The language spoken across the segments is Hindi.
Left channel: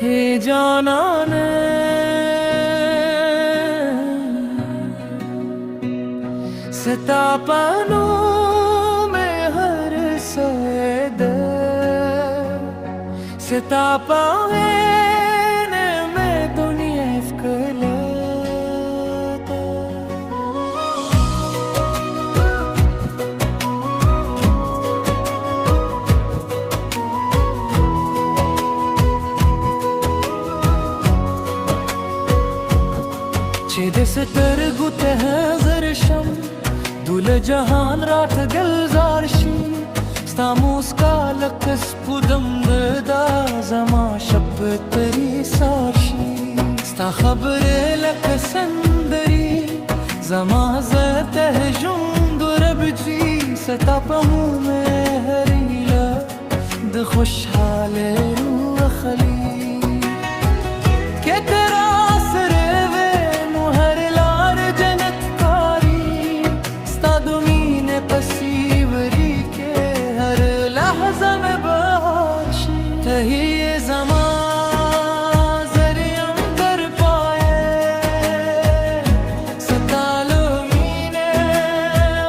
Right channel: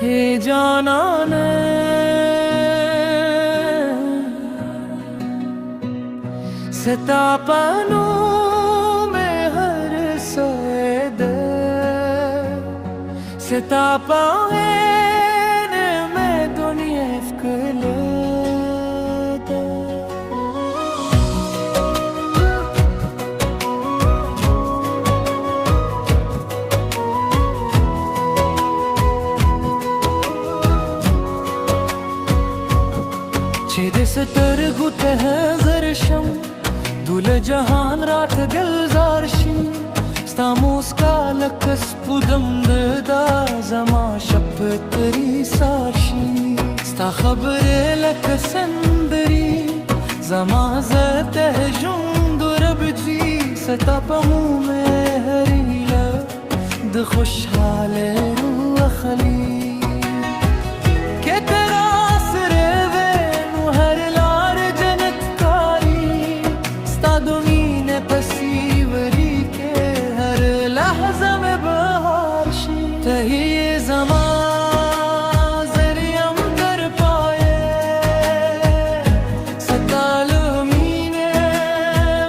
हे जाना ने setapanoo me har sayed setapane me dunya efkale छेद सतर गुते हैं जरशम दुल जहान रात गलजारशी स्तामूस का लकस पुदम दा जमा शपतरी सारशी स्ता खबर लकसंदरी जमा जते जुंदुर बजी सतापमू में हरीला द खुशहाल रूह खली के तेरा पसीवरी के हर लहज़ा में बहारशी तही ये ज़मा ज़रियम कर पाए सतालो मीने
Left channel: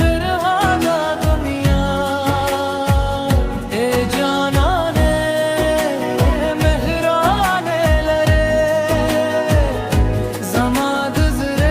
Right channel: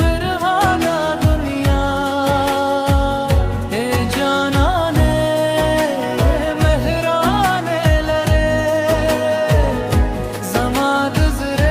बिरहादा दुनिया ए जाना ने मेहराने लरे ज़मा दुज़रे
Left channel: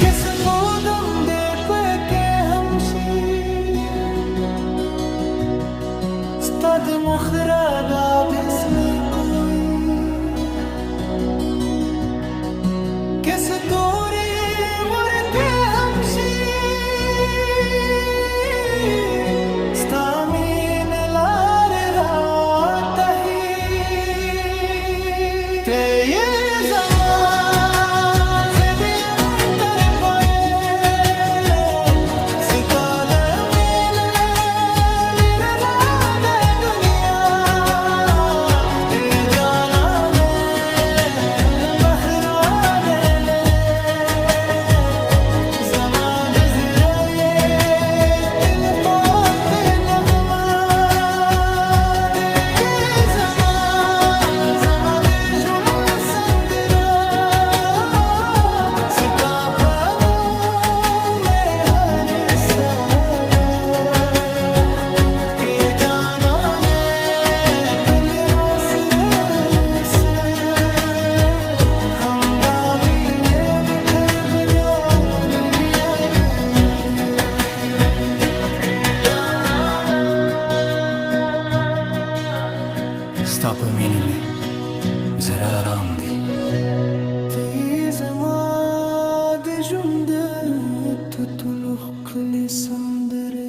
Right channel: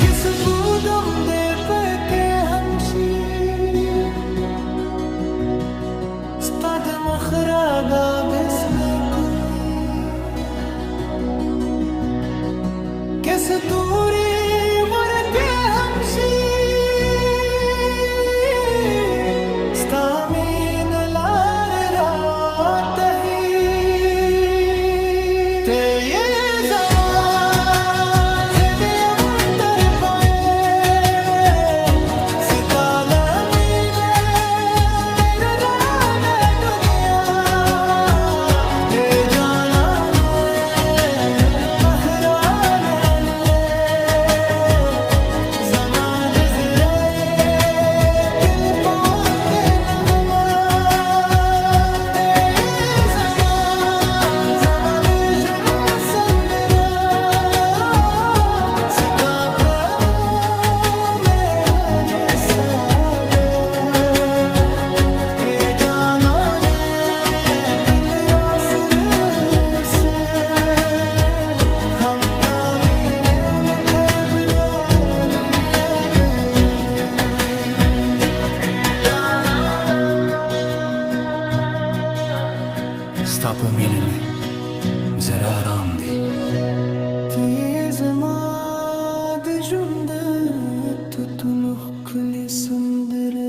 किस पूदम दे पे के हमशी स्ताद मुखरादा बिस्मे कोई किस तूरी वर के हमशी स्तामीन लार रात ही ते ये सितालमीने मेरा राधा दुनिया ये जाना ने महराने लरे ज़मा गुज़रे ये दिल पाते नगमा ते ये ज़मा ज़मा दे जुन संदरा सितापनों में हर सादा sta per milenni, zera ramdi. Te zamad junde tutuluk li sundere.